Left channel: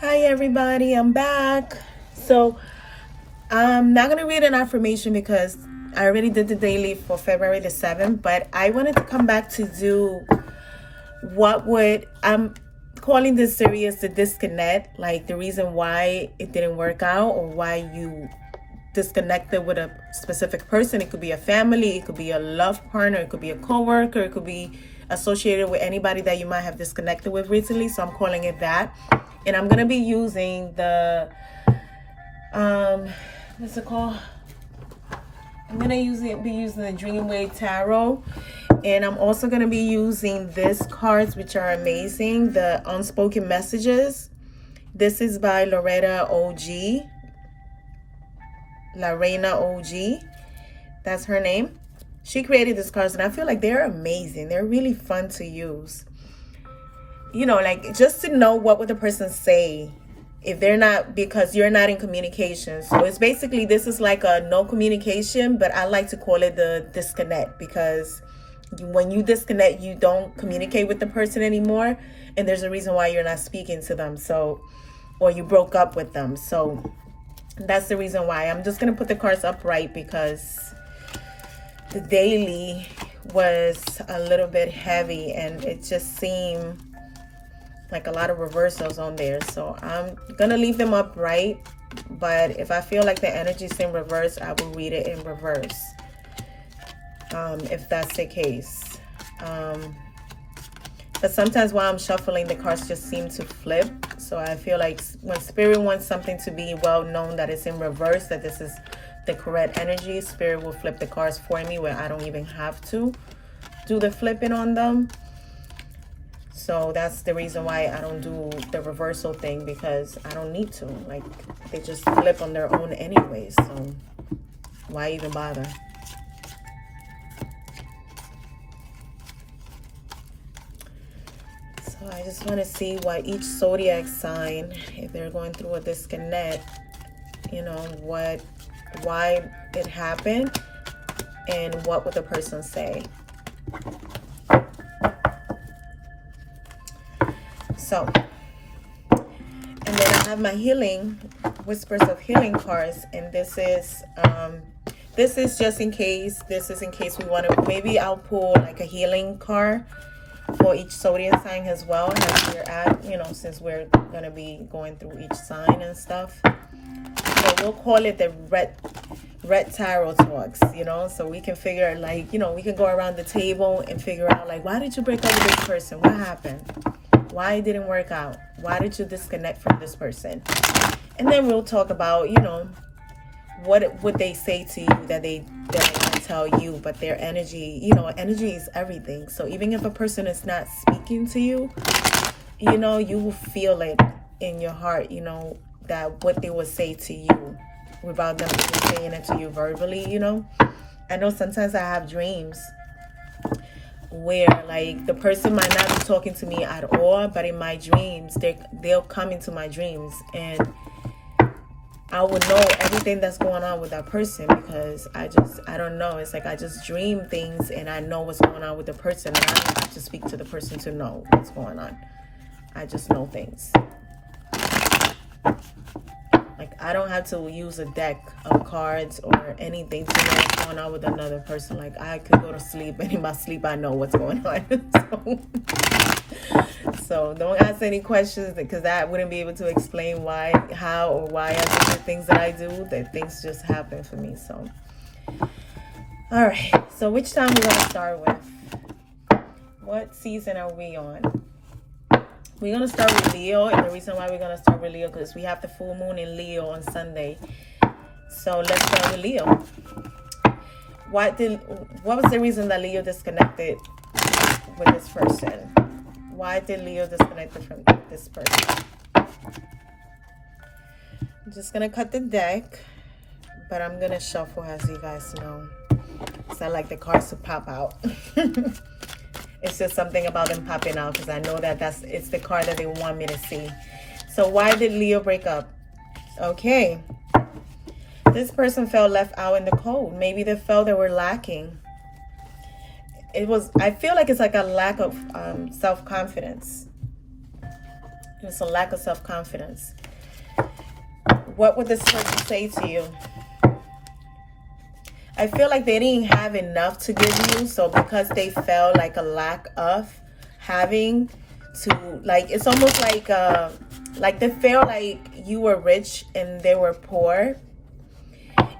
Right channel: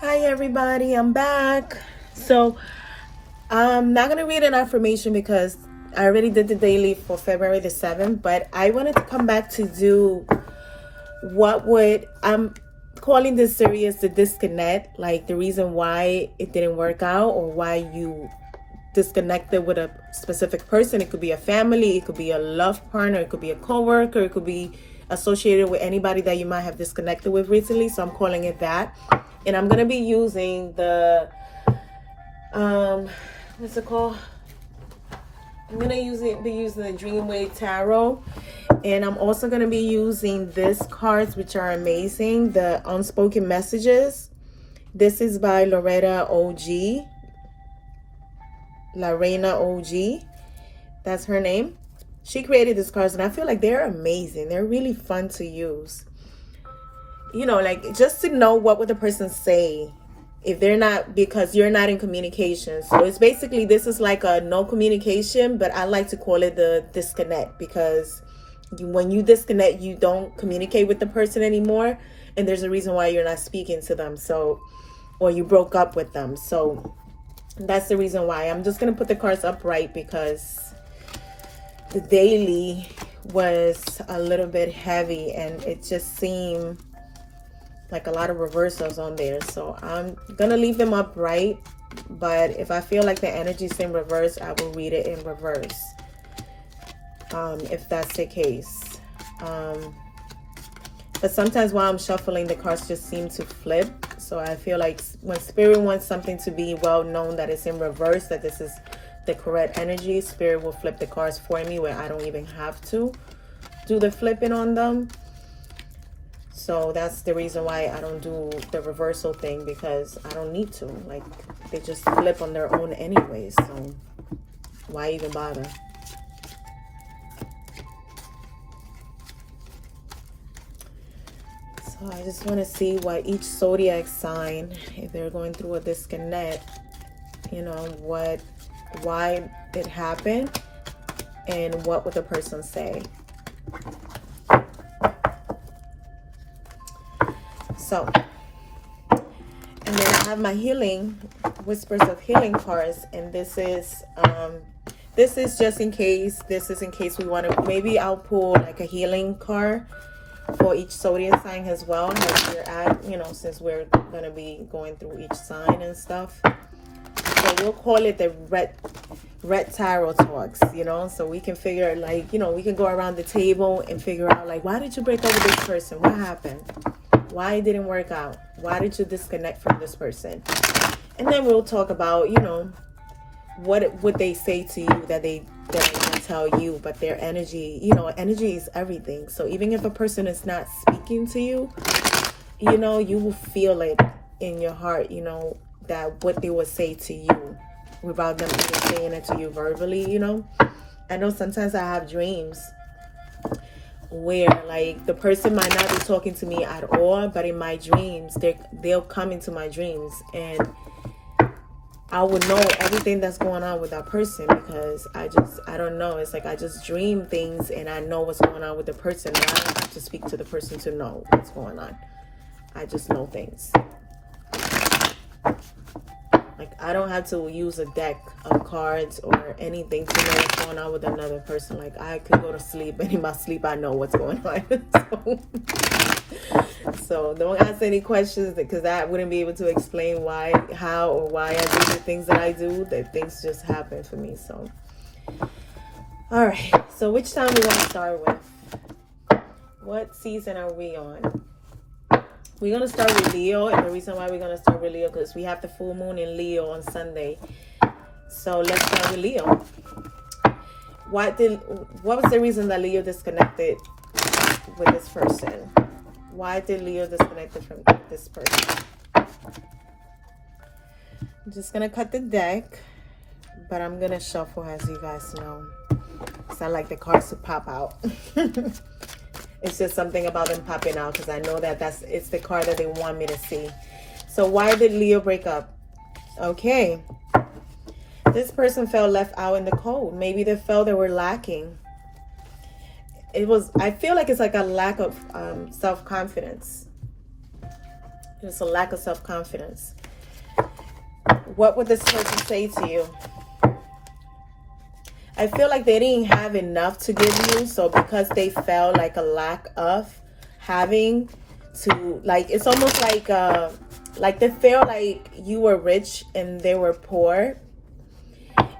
Hi everybody, I'm back. So I'm not gonna read an affirmation because I already did the daily for February the 7th, but I wanted to come back to do I'm calling this series the disconnect, like the reason why it didn't work out or why you disconnected with a specific person. It could be a family, it could be a love partner, it could be a coworker, it could be associated with anybody that you might have disconnected with recently. So I'm calling it that. And I'm gonna be using the what's it called? I'm gonna be using the Dreamwave Tarot, and I'm also gonna be using these cards, which are amazing. The Unspoken Messages. This is by Lorena OG. That's her name. She created these cards, and I feel like they're amazing. They're really fun to use. You know, like just to know what would the person say if they're not, because you're not in communication. So it's basically, this is like a no communication, but I like to call it the disconnect, because when you disconnect, you don't communicate with the person anymore, and there's a reason why you're not speaking to them. So, or you broke up with them. So that's the reason why. I'm just gonna put the cards upright because the daily was a little bit heavy and it just seemed like a lot of reversals on there. So I'm gonna leave them upright, but if I feel like the energy is in reverse, I will read it in reverse, if that's the case. But sometimes while I'm shuffling, the cards just seem to flip. So I feel like when Spirit wants something to be well known that it's in reverse, that this is the correct energy, Spirit will flip the cards for me where I don't even have to do the flipping on them. So that's the reason why I don't do the reversal thing, because I don't need to. Like, they just flip on their own anyways. So why even bother? So I just want to see what each zodiac sign, if they're going through a disconnect, you know, why it happened, and what would the person say. So, and then I have my healing, Whispers of Healing cards, and this is just in case. This is in case we want to, maybe I'll pull like a healing card for each zodiac sign as well, as we're at, you know, since we're gonna be going through each sign and stuff. So we'll call it the red tarot talks, you know, so we can figure, like, you know, we can go around the table and figure out, like, why did you break up with this person? What happened? Why it didn't work out? Why did you disconnect from this person? And then we'll talk about, you know, what would they say to you that they didn't tell you, but their energy, you know, energy is everything. So even if a person is not speaking to you, you know, you will feel it in your heart, you know, that what they would say to you without them even saying it to you verbally, you know. I know sometimes I have dreams where, like, the person might not be talking to me at all, but in my dreams, they'll come into my dreams, and I would know everything that's going on with that person, because I don't know. It's like I just dream things and I know what's going on with the person, and I don't have to speak to the person to know what's going on. I just know things. Like, I don't have to use a deck of cards or anything to know what's going on with another person. Like, I could go to sleep, and in my sleep, I know what's going on. So don't ask any questions, because I wouldn't be able to explain how or why I do the things that I do. That things just happen for me. So, all right. So which time we're gonna start with? What season are we on? We're going to start with Leo, and the reason why we're going to start with Leo, because we have the full moon in Leo on Sunday. So let's start with Leo. What was the reason that Leo disconnected with this person? Why did Leo disconnect from this person? I'm just going to cut the deck, but I'm going to shuffle, as you guys know. Because I like the cards to pop out. It's just something about them popping out, because I know that it's the card that they want me to see. So why did Leo break up? Okay. This person felt left out in the cold. Maybe they felt they were lacking. I feel like it's like a lack of self-confidence. There's a lack of self-confidence. What would this person say to you? I feel like they didn't have enough to give you. So because they felt like a lack of having to, like, it's almost like they feel like you were rich and they were poor.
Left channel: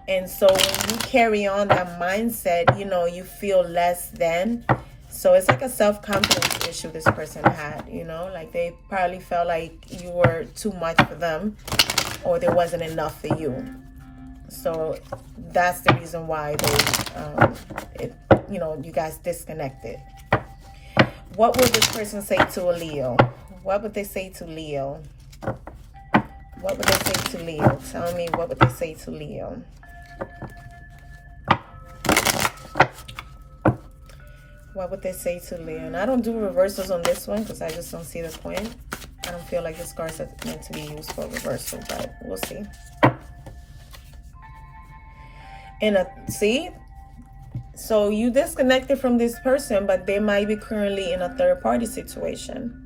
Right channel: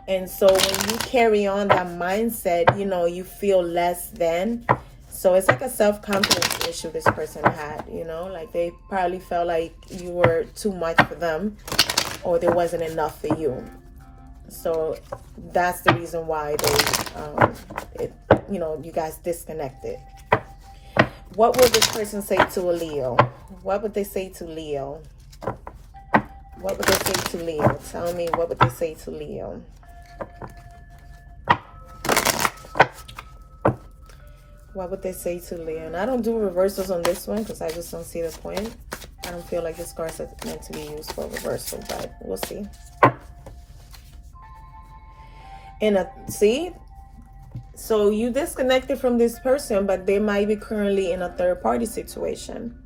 And so when you carry on that mindset, you know, you feel less than. So it's like a self-confidence issue this person had, you know, like they probably felt like you were too much for them or there wasn't enough for you. So that's the reason why they, you know, you guys disconnected. What would this person say to a Leo? What would they say to Leo? What would they say to Leo? Tell me, what would they say to Leo? What would they say to Leo? And I don't do reversals on this one because I just don't see the point. I don't feel like this cards are meant to be used for reversal, but we'll see. See? So you disconnected from this person, but they might be currently in a third-party situation.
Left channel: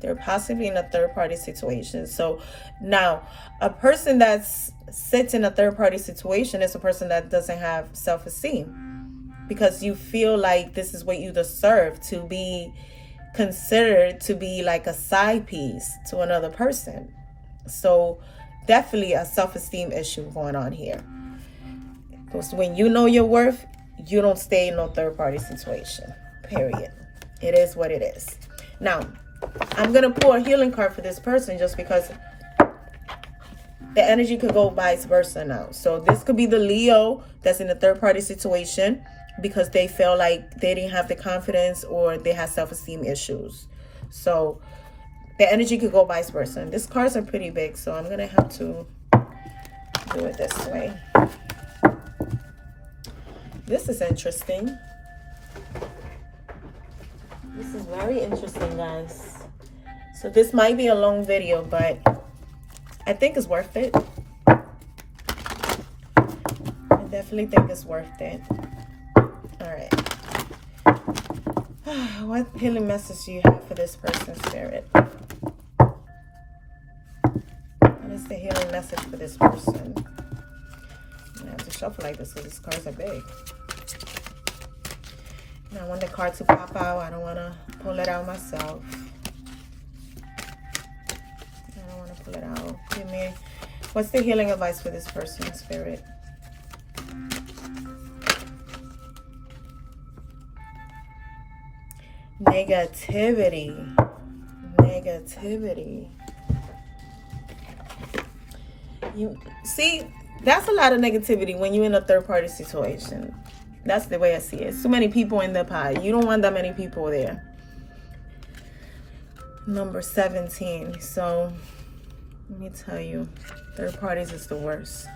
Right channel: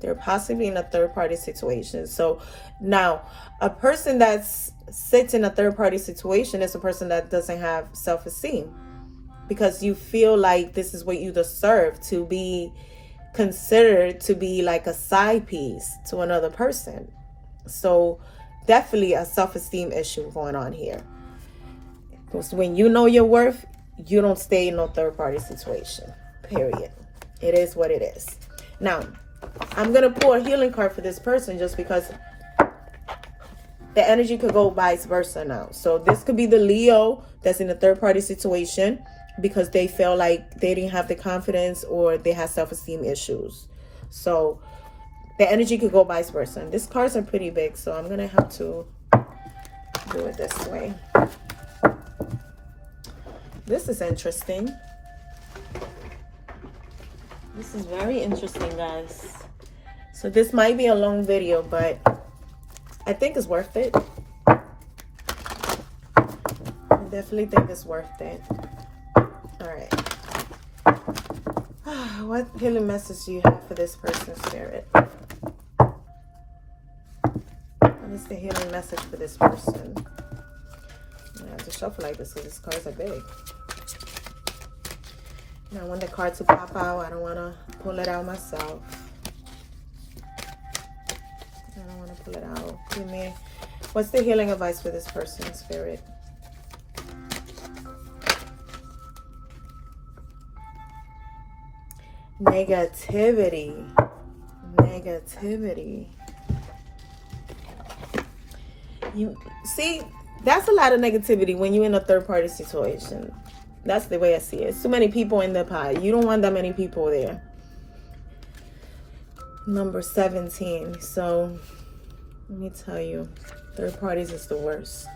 They're possibly in a third-party situation. So now, a person that sits in a third-party situation is a person that doesn't have self-esteem. Because you feel like this is what you deserve, to be considered to be like a side piece to another person. So definitely a self-esteem issue going on here. Because when you know your worth, you don't stay in no third-party situation, period. It is what it is. Now, I'm going to pull a healing card for this person just because the energy could go vice versa now. So this could be the Leo that's in a third-party situation because they feel like they didn't have the confidence or they had self-esteem issues. So the energy could go vice versa. And these cards are pretty big, so I'm going to have to do it this way. This is interesting. This is very interesting, guys. So this might be a long video, but I think it's worth it. I definitely think it's worth it. All right. What healing message do you have for this person's spirit? What's the healing message for this person? I have to shuffle like this because these cards are big. And I want the card to pop out. I don't want to pull it out myself. I don't want to pull it out. Give me, what's the healing advice for this person's spirit? Negativity. You see, that's a lot of negativity when you're in a third-party situation. That's the way I see it. So many people in the pie. You don't want that many people there. Number 17. So let me tell you, third parties is the worst.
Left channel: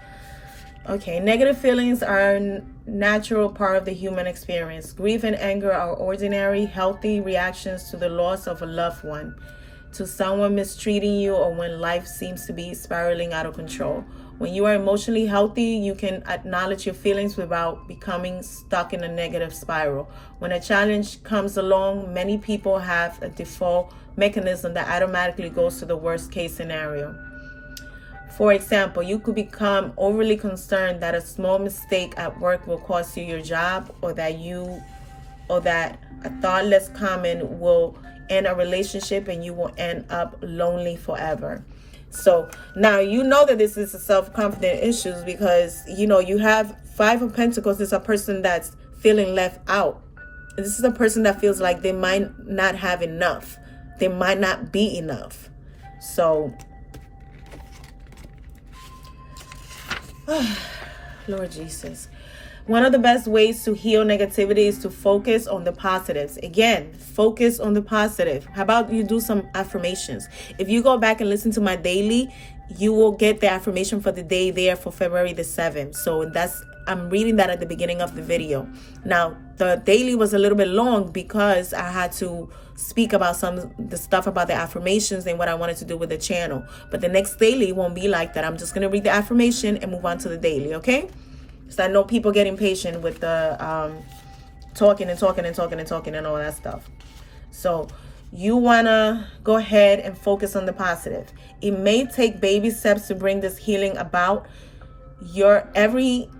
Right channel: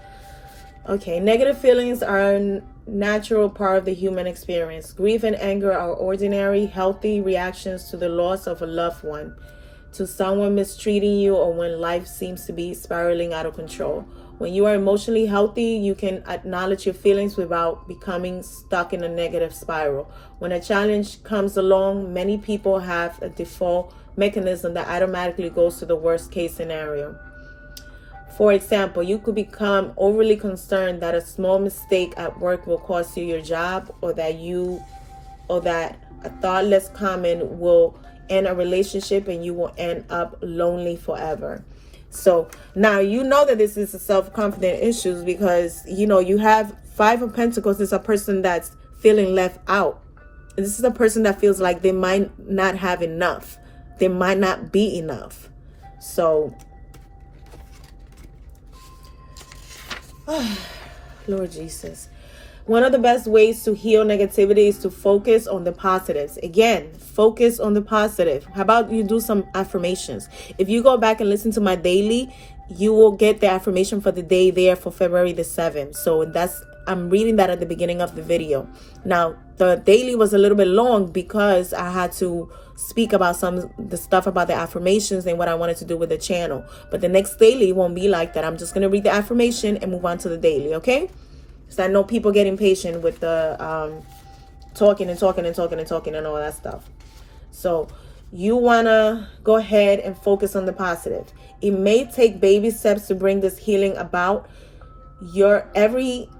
Okay, negative feelings are a natural part of the human experience. Grief and anger are ordinary, healthy reactions to the loss of a loved one, to someone mistreating you, or when life seems to be spiraling out of control. When you are emotionally healthy, you can acknowledge your feelings without becoming stuck in a negative spiral. When a challenge comes along, many people have a default mechanism that automatically goes to the worst case scenario. For example, you could become overly concerned that a small mistake at work will cost you your job, or that a thoughtless comment will end a relationship and you will end up lonely forever. So now you know that this is a self-confidence issue because, you know, you have Five of Pentacles. Is a person that's feeling left out. This is a person that feels like they might not have enough. They might not be enough. So, Lord Jesus. One of the best ways to heal negativity is to focus on the positives. Again, focus on the positive. How about you do some affirmations? If you go back and listen to my daily, you will get the affirmation for the day there for February the 7th. So I'm reading that at the beginning of the video. Now, the daily was a little bit long because I had to speak about the stuff about the affirmations and what I wanted to do with the channel. But the next daily won't be like that. I'm just going to read the affirmation and move on to the daily, okay? So I know people get impatient with the talking and all that stuff. So You want to go ahead and focus on the positive. It may take baby steps to bring this healing about. Your every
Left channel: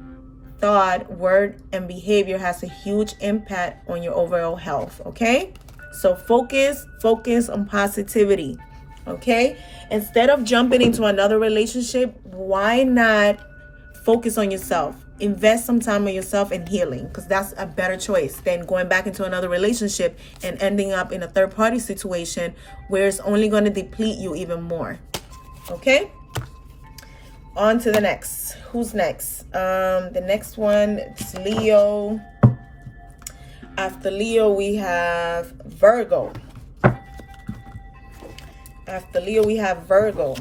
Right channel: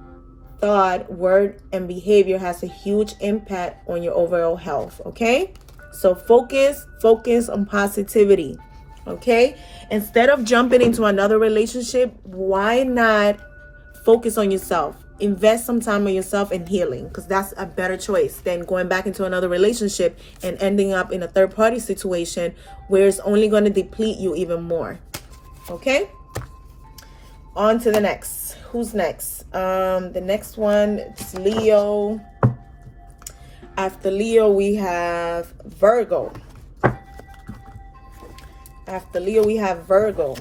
thought, word, and behavior has a huge impact on your overall health, okay? So focus on positivity, okay? Instead of jumping into another relationship, why not focus on yourself? Invest some time on yourself and healing, because that's a better choice than going back into another relationship and ending up in a third-party situation where it's only going to deplete you even more, okay? On to the next. Who's next? The next one is Leo. After Leo, we have Virgo. After Leo, we have Virgo.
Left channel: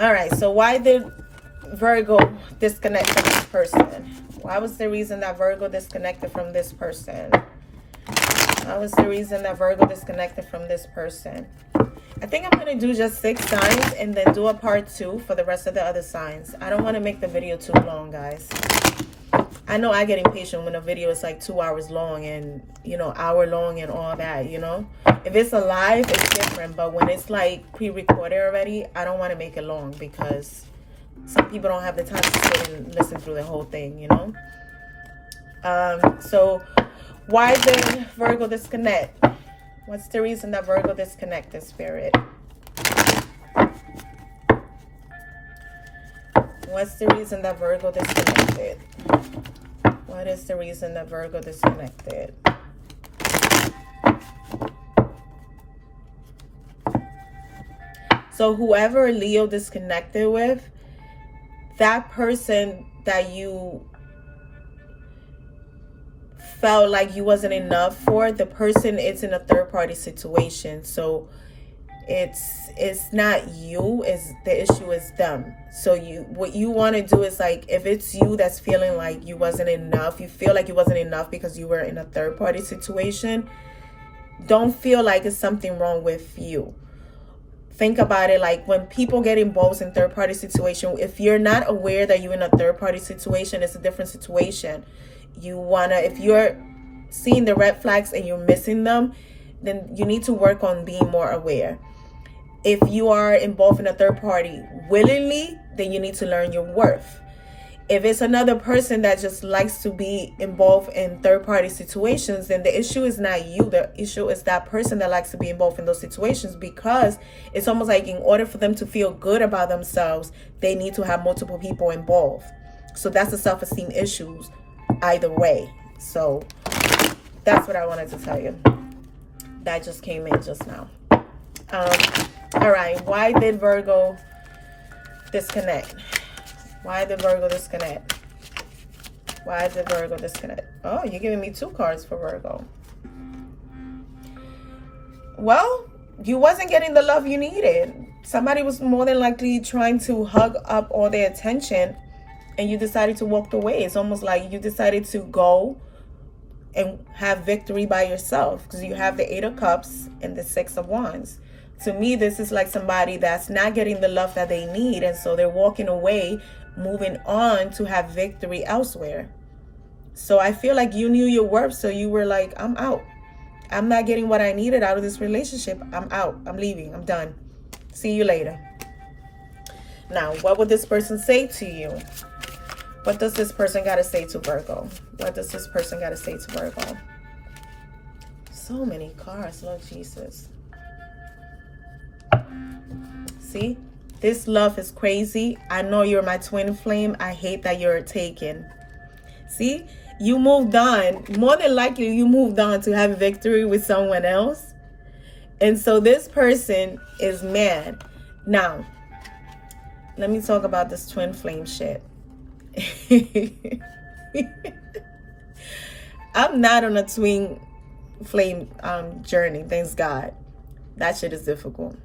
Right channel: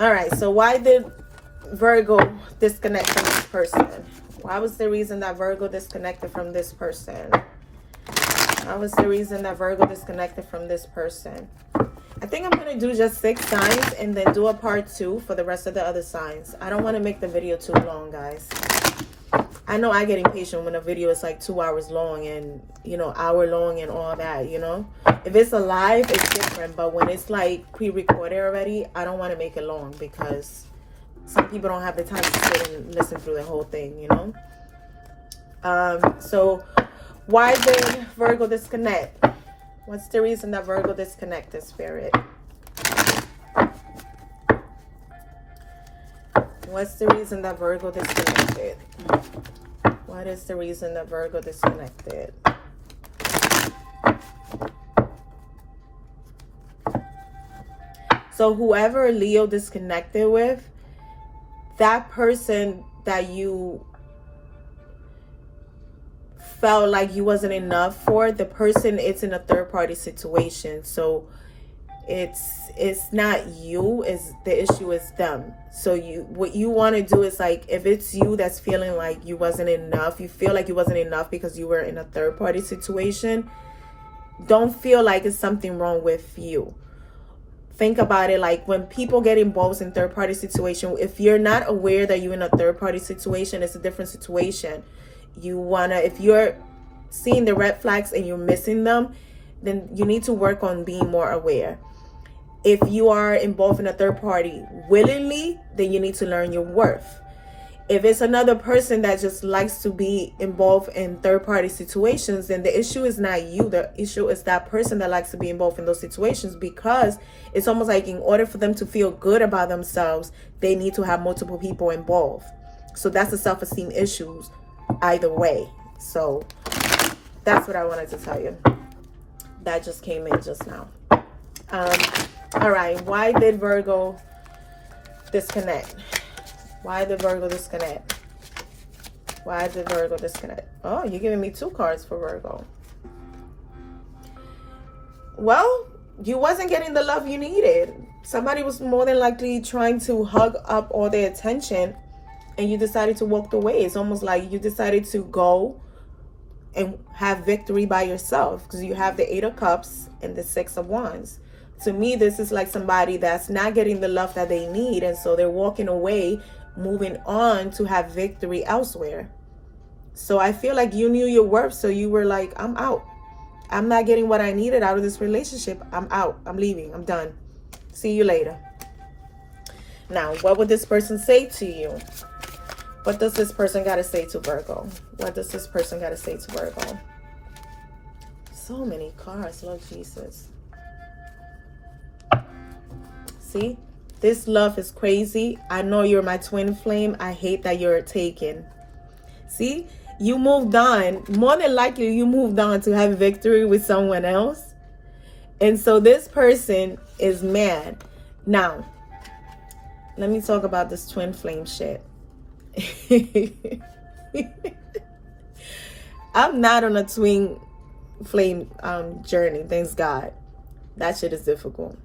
All right, so why did Virgo disconnect from this person? Why was the reason that Virgo disconnected from this person? What was the reason that Virgo disconnected from this person? I think I'm going to do just 6 signs and then do a part 2 for the rest of the other signs. I don't want to make the video too long, guys. I know I get impatient when a video is like 2 hours long and, you know, hour long and all that, you know. If it's a live, it's different. But when it's like pre-recorded already, I don't want to make it long because some people don't have the time to sit and listen through the whole thing, you know. So why did Virgo disconnect? What's the reason that Virgo disconnected, Spirit? What's the reason that Virgo disconnected? What is the reason that Virgo disconnected? So whoever Leo disconnected with, that person that you felt like you wasn't enough for, the person is in a third-party situation. So it's not you, it's the issue is them. So what you want to do is, like, if it's you that's feeling like you wasn't enough, you feel like you wasn't enough because you were in a third-party situation, don't feel like it's something wrong with you. Think about it, like when people get involved in third-party situation, if you're not aware that you're in a third-party situation, it's a different situation. If you're seeing the red flags and you're missing them, then you need to work on being more aware. If you are involved in a third party willingly, then you need to learn your worth. If it's another person that just likes to be involved in third party situations, then the issue is not you. The issue is that person that likes to be involved in those situations, because it's almost like in order for them to feel good about themselves, they need to have multiple people involved. So that's the self-esteem issues either way. So that's what I wanted to tell you. That just came in just now. All right, why did Virgo disconnect? Why did Virgo disconnect? Why did Virgo disconnect? Oh, you're giving me 2 cards for Virgo. Well, you wasn't getting the love you needed. Somebody was more than likely trying to hug up all their attention, and you decided to walk away. It's almost like you decided to go and have victory by yourself, because you have the 8 of Cups and the 6 of Wands. To me, this is like somebody that's not getting the love that they need, and so they're walking away, moving on to have victory elsewhere. So I feel like you knew your worth, so you were like, I'm out. I'm not getting what I needed out of this relationship. I'm out. I'm leaving. I'm done. See you later. Now, what would this person say to you? What does this person got to say to Virgo? What does this person got to say to Virgo? So many cards, Lord Jesus. See, this love is crazy. I know you're my twin flame. I hate that you're taken. See, you moved on. More than likely, you moved on to have victory with someone else. And so this person is mad. Now, let me talk about this twin flame shit. I'm not on a twin flame journey, thanks God. That shit is difficult.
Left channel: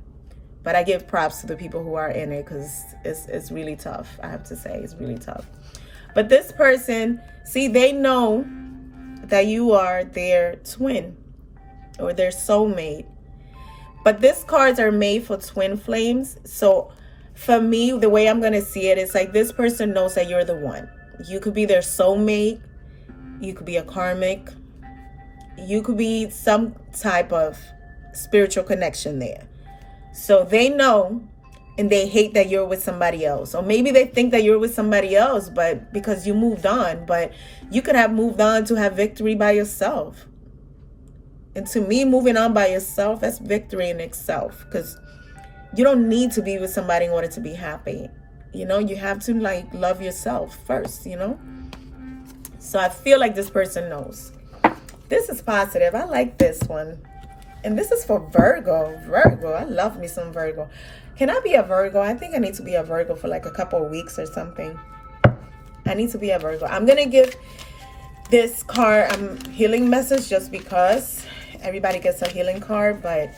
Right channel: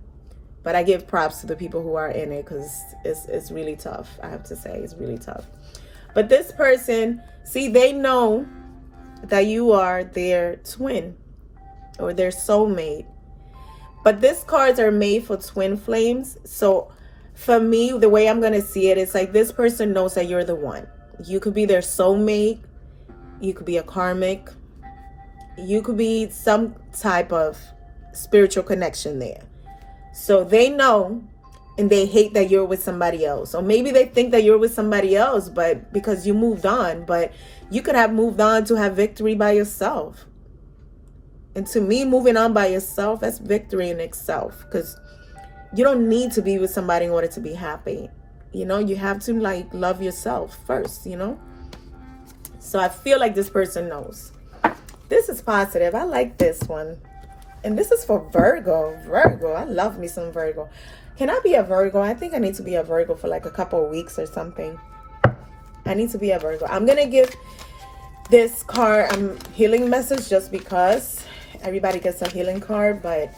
But I give props to the people who are in it, because it's really tough. I have to say, it's really tough. But this person, see, they know that you are their twin or their soulmate. But these cards are made for twin flames. So for me, the way I'm going to see it, it's like this person knows that you're the one. You could be their soulmate. You could be a karmic. You could be some type of spiritual connection there. So they know and they hate that you're with somebody else. Or maybe they think that you're with somebody else, but because you moved on. But you could have moved on to have victory by yourself. And to me, moving on by yourself, that's victory in itself. Because you don't need to be with somebody in order to be happy. You know, you have to like love yourself first, you know. So I feel like this person knows. This is positive. I like this one. And this is for Virgo. Virgo. I love me some Virgo. Can I be a Virgo? I think I need to be a Virgo for like a couple of weeks or something. I need to be a Virgo. I'm going to give this card a healing message just because everybody gets a healing card. But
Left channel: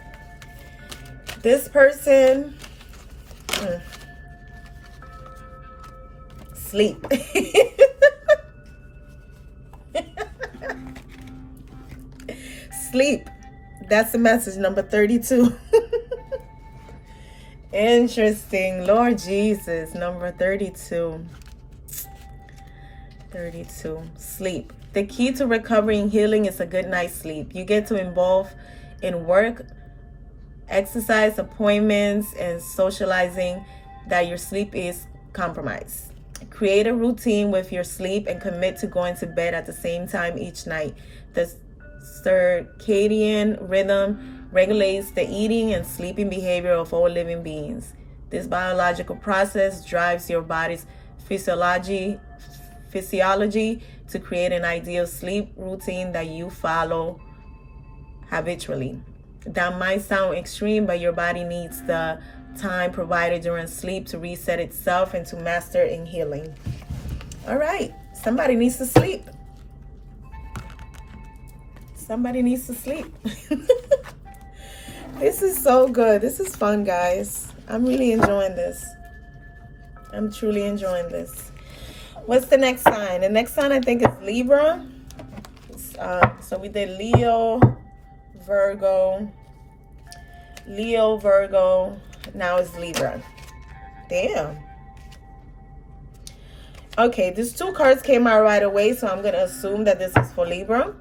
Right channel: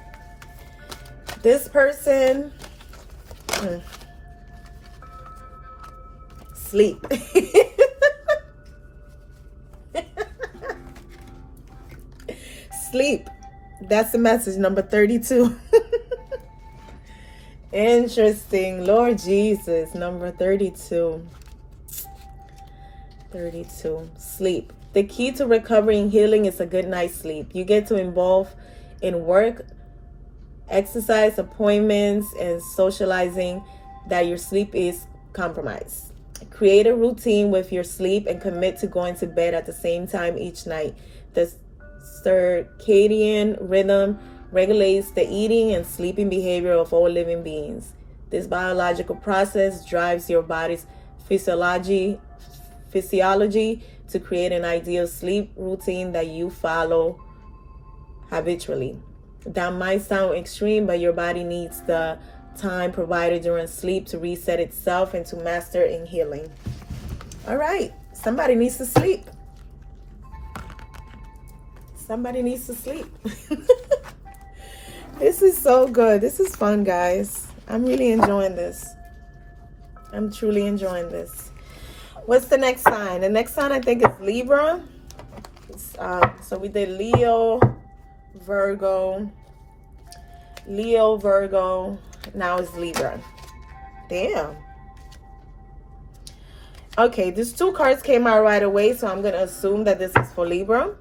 this person... sleep. Sleep. That's the message, number 32. Interesting. Lord Jesus, number 32. 32. Sleep. The key to recovery and healing is a good night's sleep. You get to involve in work, exercise, appointments, and socializing that your sleep is compromised. Create a routine with your sleep and commit to going to bed at the same time each night. The circadian rhythm regulates the eating and sleeping behavior of all living beings. This biological process drives your body's physiology to create an ideal sleep routine that you follow habitually. That might sound extreme, but your body needs the time provided during sleep to reset itself and to master in healing. All right, somebody needs to sleep. Somebody needs to sleep. This is so good. This is fun, guys. I'm really enjoying this. I'm truly enjoying this. What's the next sign? The next sign I think is Libra. So we did Leo, Virgo, now it's Libra. Damn. Okay, these two cards came out right away, so I'm going to assume that this is for Libra.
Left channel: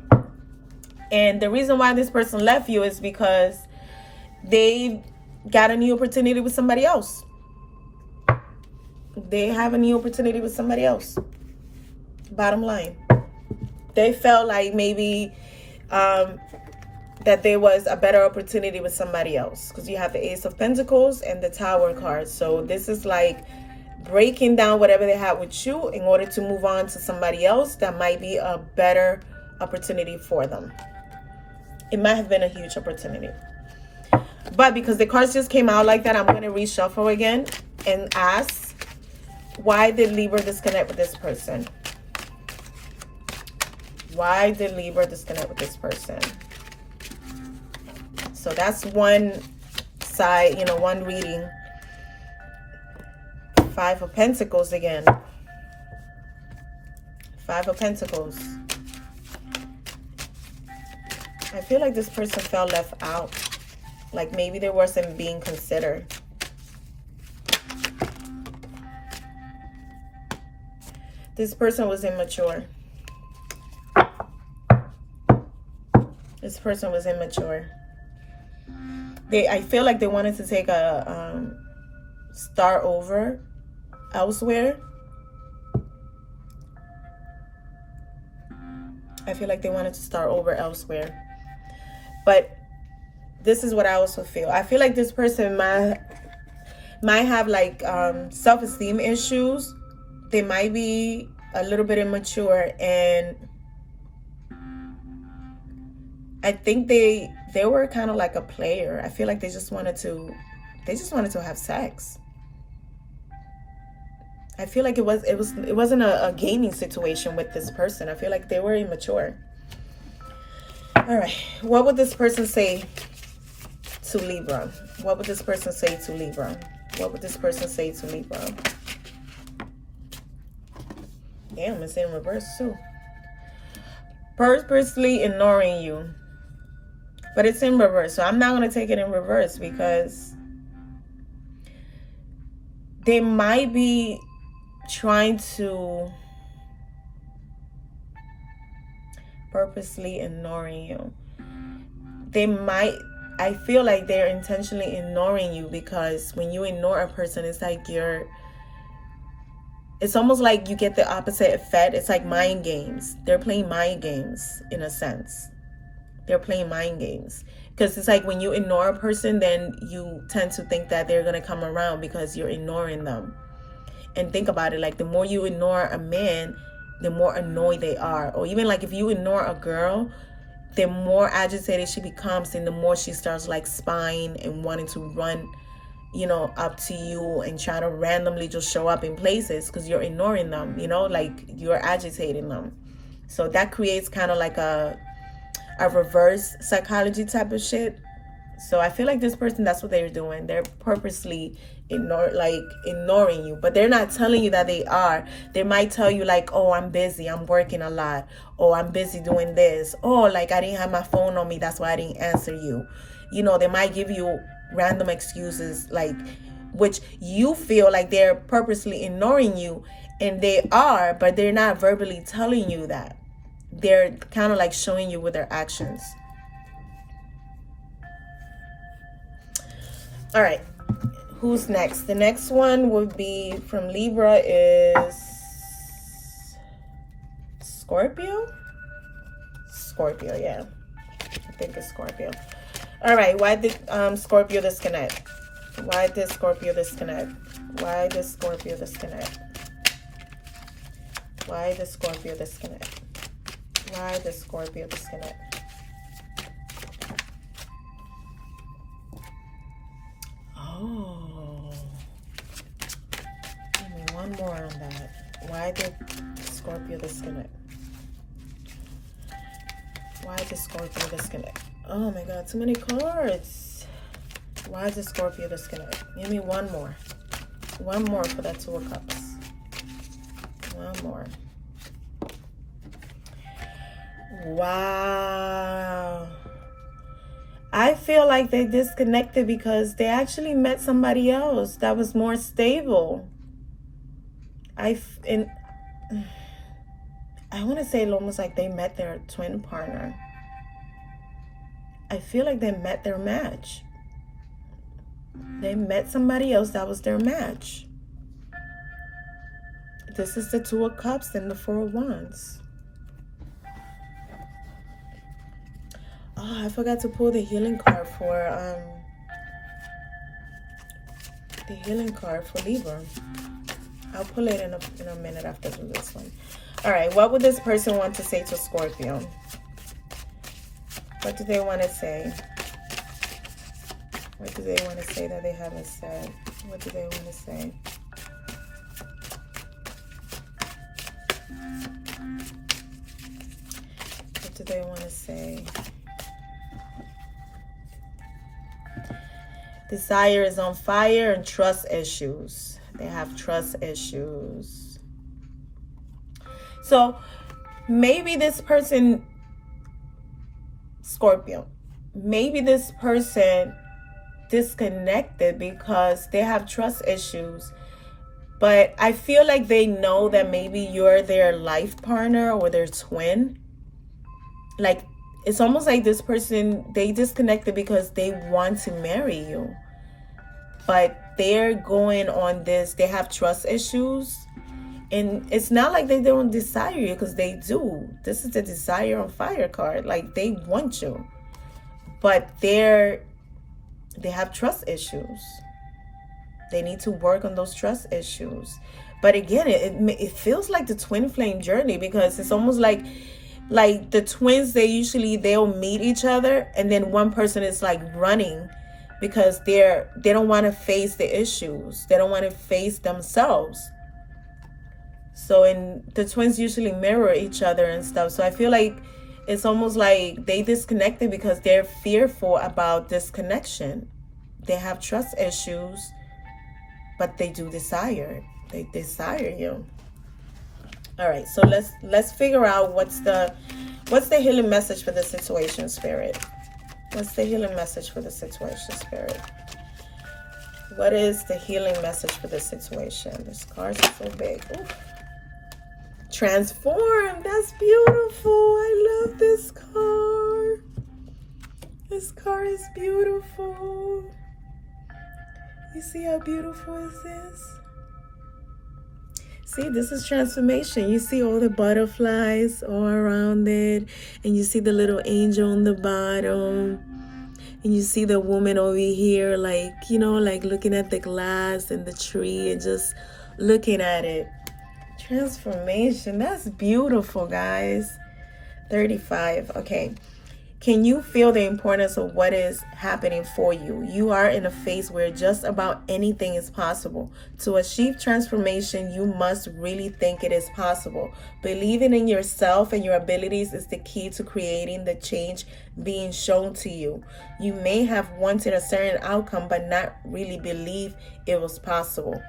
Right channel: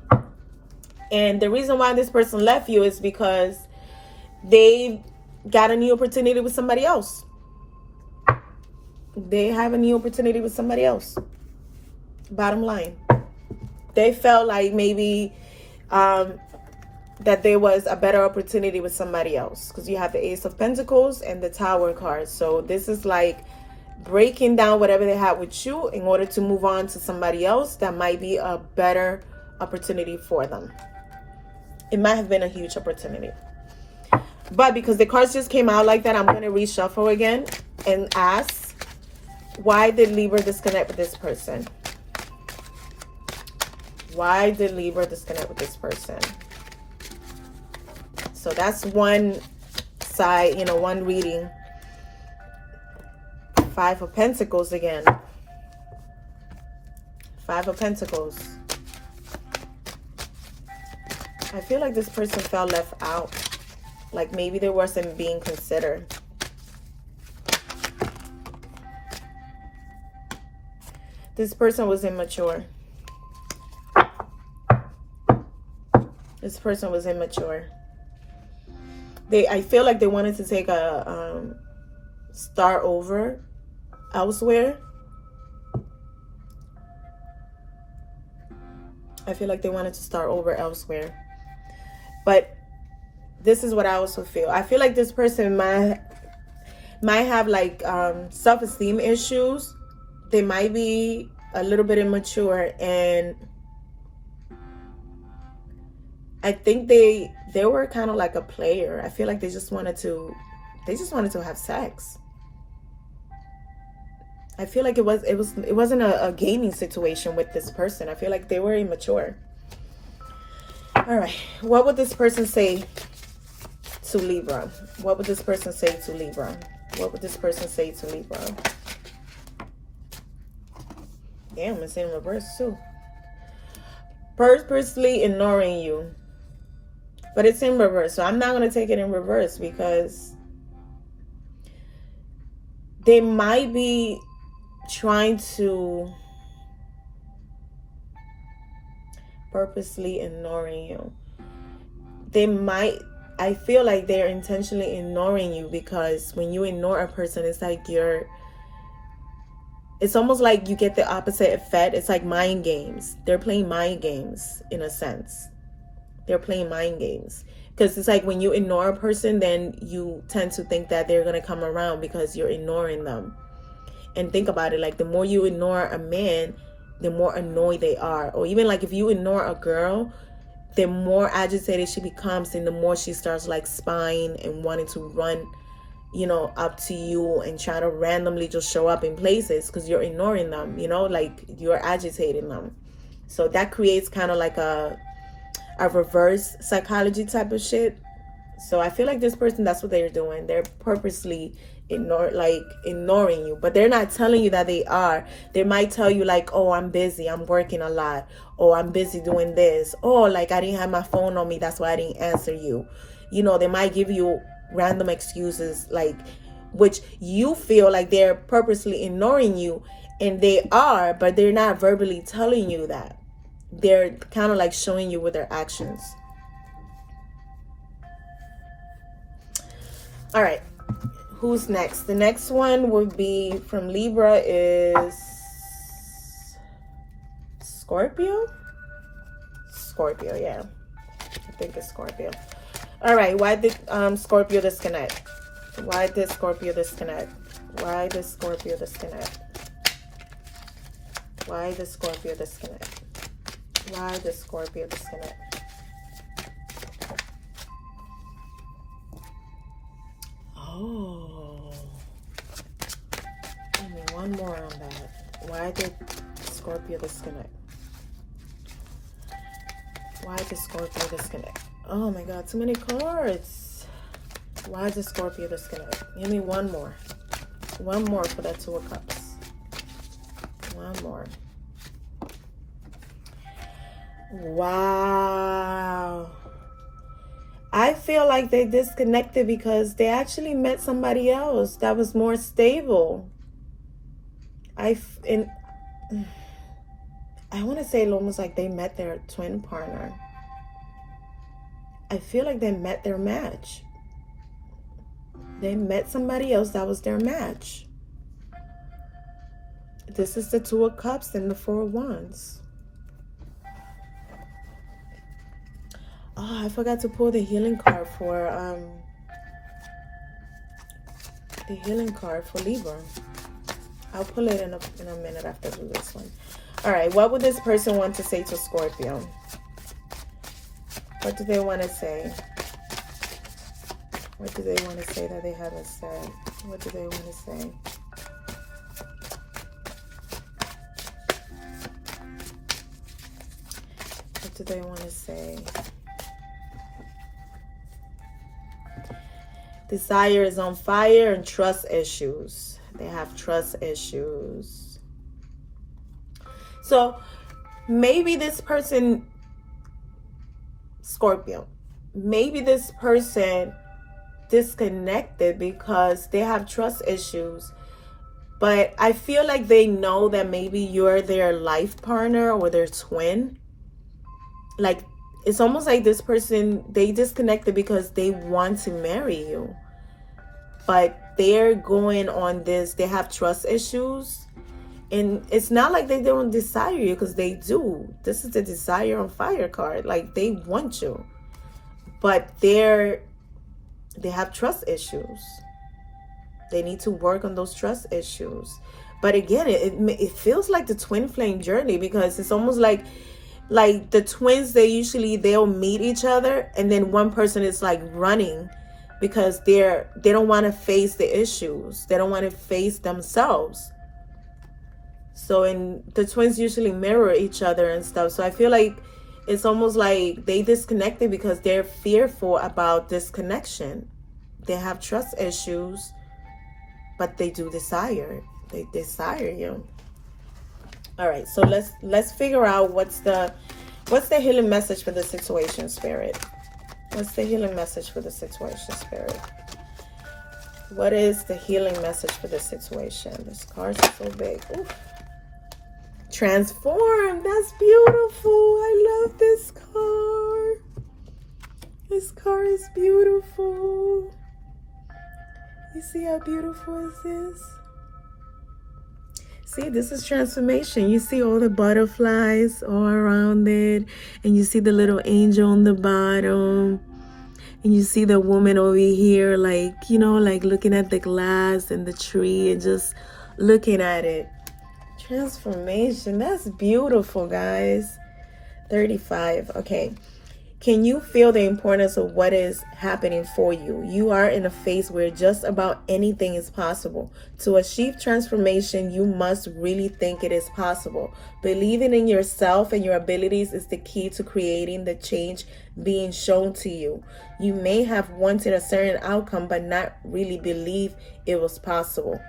And the reason why this person left you is because they got a new opportunity with somebody else. They have a new opportunity with somebody else. Bottom line. They felt like maybe that there was a better opportunity with somebody else. Because you have the Ace of Pentacles and the Tower card. So this is like breaking down whatever they had with you in order to move on to somebody else that might be a better opportunity for them. It might have been a huge opportunity. But because the cards just came out like that, I'm going to reshuffle again and ask, why did Libra disconnect with this person? Why did Libra disconnect with this person? So that's one side, one reading. 5 of Pentacles again. 5 of Pentacles. I feel like this person felt left out. Like maybe they wasn't being considered. This person was immature. This person was immature. I feel like they wanted to take a start over elsewhere. I feel like they wanted to start over elsewhere. But this is what I also feel. I feel like this person might have like self-esteem issues. They might be a little bit immature, and I think they were kind of like a player. I feel like they just wanted to have sex. I feel like it wasn't a gaming situation with this person. I feel like they were immature. All right, what would this person say to Libra? What would this person say to Libra? What would this person say to Libra? Damn, it's in reverse too. Purposely ignoring you. But it's in reverse, so I'm not going to take it in reverse because they might be trying to purposely ignoring you. They might, I feel like they're intentionally ignoring you, because when you ignore a person, it's like it's almost like you get the opposite effect. It's like mind games. They're playing mind games in a sense. They're playing mind games. Because it's like when you ignore a person, then you tend to think that they're going to come around because you're ignoring them. And think about it, like the more you ignore a man, the more annoyed they are. Or even like if you ignore a girl, the more agitated she becomes, and the more she starts like spying and wanting to run, you know, up to you and try to randomly just show up in places because you're ignoring them, you know, like you're agitating them. So that creates kind of like a reverse psychology type of shit. So I feel like this person, that's what they're doing. They're purposely ignoring you, but they're not telling you that they are. They might tell you like, oh, I'm busy, I'm working a lot, oh, I'm busy doing this, oh, like I didn't have my phone on me, that's why I didn't answer you. You know, they might give you random excuses, like, which you feel like they're purposely ignoring you, and they are, but they're not verbally telling you that. They're kind of like showing you with their actions. All right, who's next? The next one would be from Libra is Scorpio. Yeah, I think it's Scorpio. All right, why did Scorpio disconnect? Why did Scorpio disconnect? Why did Scorpio disconnect? Why did Scorpio disconnect? Why did Scorpio disconnect? Oh, give me one more on that. Why did Scorpio disconnect? Why did Scorpio disconnect? Oh my God, too many cards. Why did Scorpio disconnect? Give me one more. One more for that Two of Cups. One more. Wow. I feel like they disconnected because they actually met somebody else that was more stable. I want to say almost like they met their twin partner. I feel like they met their match. They met somebody else that was their match. This is the Two of Cups and the Four of Wands. Oh, I forgot to pull the healing card for Libra. I'll pull it in a minute after this one. All right, what would this person want to say to Scorpio? What do they want to say? What do they want to say that they haven't said? What do they want to say? What do they want to say? Desire is on fire and trust issues. They have trust issues. So maybe this person, Scorpio, maybe this person disconnected because they have trust issues. But I feel like they know that maybe you're their life partner or their twin. Like, it's almost like this person, they disconnected because they want to marry you. But they're going on this, they have trust issues. And it's not like they don't desire you, because they do. This is the desire on fire card. Like, they want you. But they have trust issues. They need to work on those trust issues. But again, it feels like the twin flame journey, because it's almost like the twins, they'll meet each other, and then one person is like running because they don't want to face the issues. They don't want to face themselves. So, and the twins usually mirror each other and stuff. So I feel like it's almost like they disconnected because they're fearful about this connection. They have trust issues, but they do desire. They desire you. All right, so let's figure out what's the healing message for the situation, Spirit. What's the healing message for the situation, Spirit? What is the healing message for the situation? This card is so big. Ooh. Transform. That's beautiful. I love this card. This car is beautiful. You see how beautiful this is? See, this is transformation. You see all the butterflies all around it, and you see the little angel on the bottom, and you see the woman over here, like, you know, like looking at the glass and the tree and just looking at it. Transformation. That's beautiful, guys. 35. Okay. Can you feel the importance of what is happening for you? You are in a phase where just about anything is possible. To achieve transformation, you must really think it is possible. Believing in yourself and your abilities is the key to creating the change being shown to you. You may have wanted a certain outcome, but not really believe it was possible.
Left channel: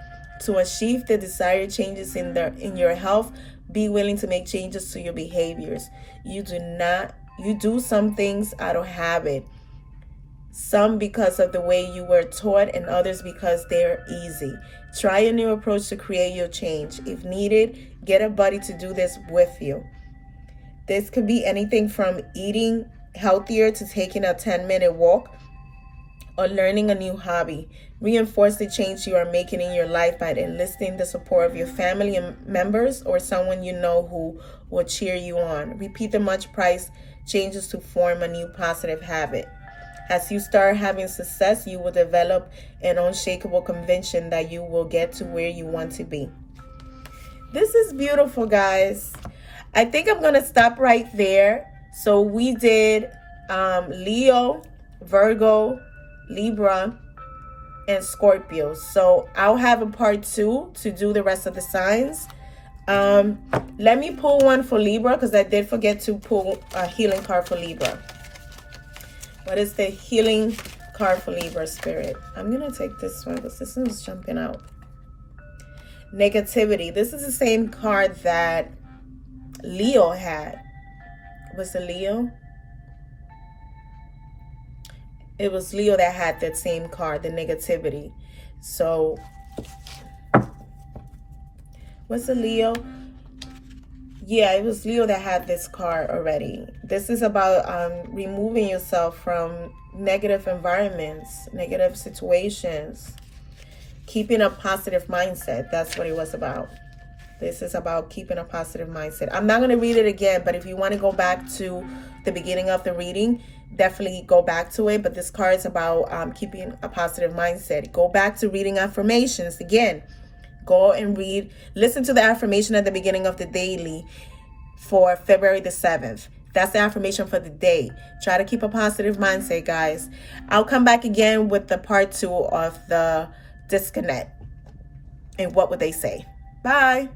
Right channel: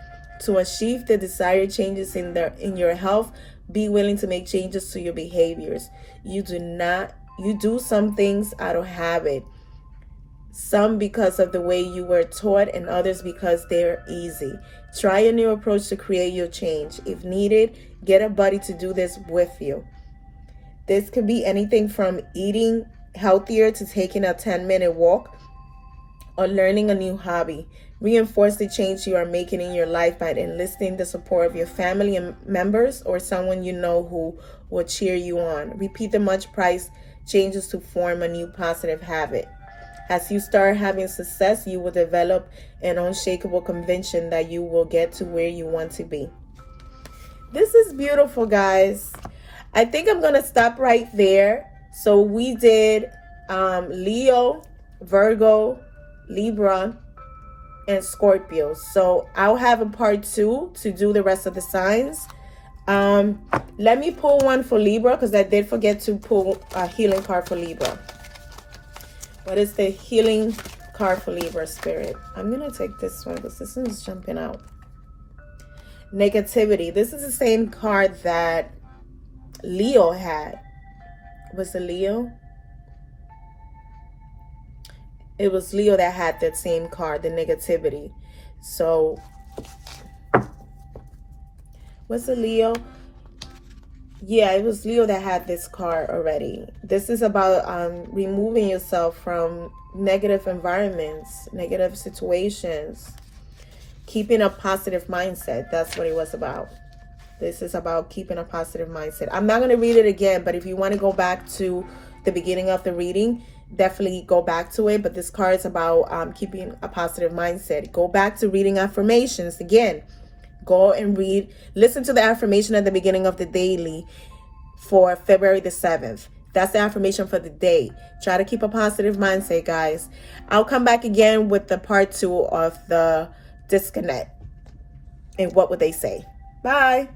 To achieve the desired changes in your health, be willing to make changes to your behaviors. You do some things out of habit, some because of the way you were taught, and others because they're easy. Try a new approach to create your change. If needed, get a buddy to do this with you. This could be anything from eating healthier to taking a 10-minute walk or learning a new hobby. Reinforce the change you are making in your life by enlisting the support of your family and members or someone you know who will cheer you on. Repeat the much priced changes to form a new positive habit. As you start having success, you will develop an unshakable conviction that you will get to where you want to be. This is beautiful, guys. I think I'm going to stop right there. So we did Leo, Virgo, Libra, and Scorpio. So I'll have a part 2 to do the rest of the signs. Let me pull one for Libra because I did forget to pull a healing card for Libra. What is the healing card for Libra, Spirit? I'm going to take this one because this one's jumping out. Negativity. This is the same card that Leo had. Was it Leo? It was Leo that had that same card, the negativity. So, was it Leo? Yeah, it was Leo that had this card already. This is about removing yourself from negative environments, negative situations, keeping a positive mindset. That's what it was about. This is about keeping a positive mindset. I'm not going to read it again, but if you want to go back to the beginning of the reading, definitely go back to it. But this card is about keeping a positive mindset. Go back to reading affirmations again. Go and read, listen to the affirmation at the beginning of the daily for February the 7th. That's the affirmation for the day. Try to keep a positive mindset, guys. I'll come back again with the part 2 of the disconnect. And what would they say? Bye.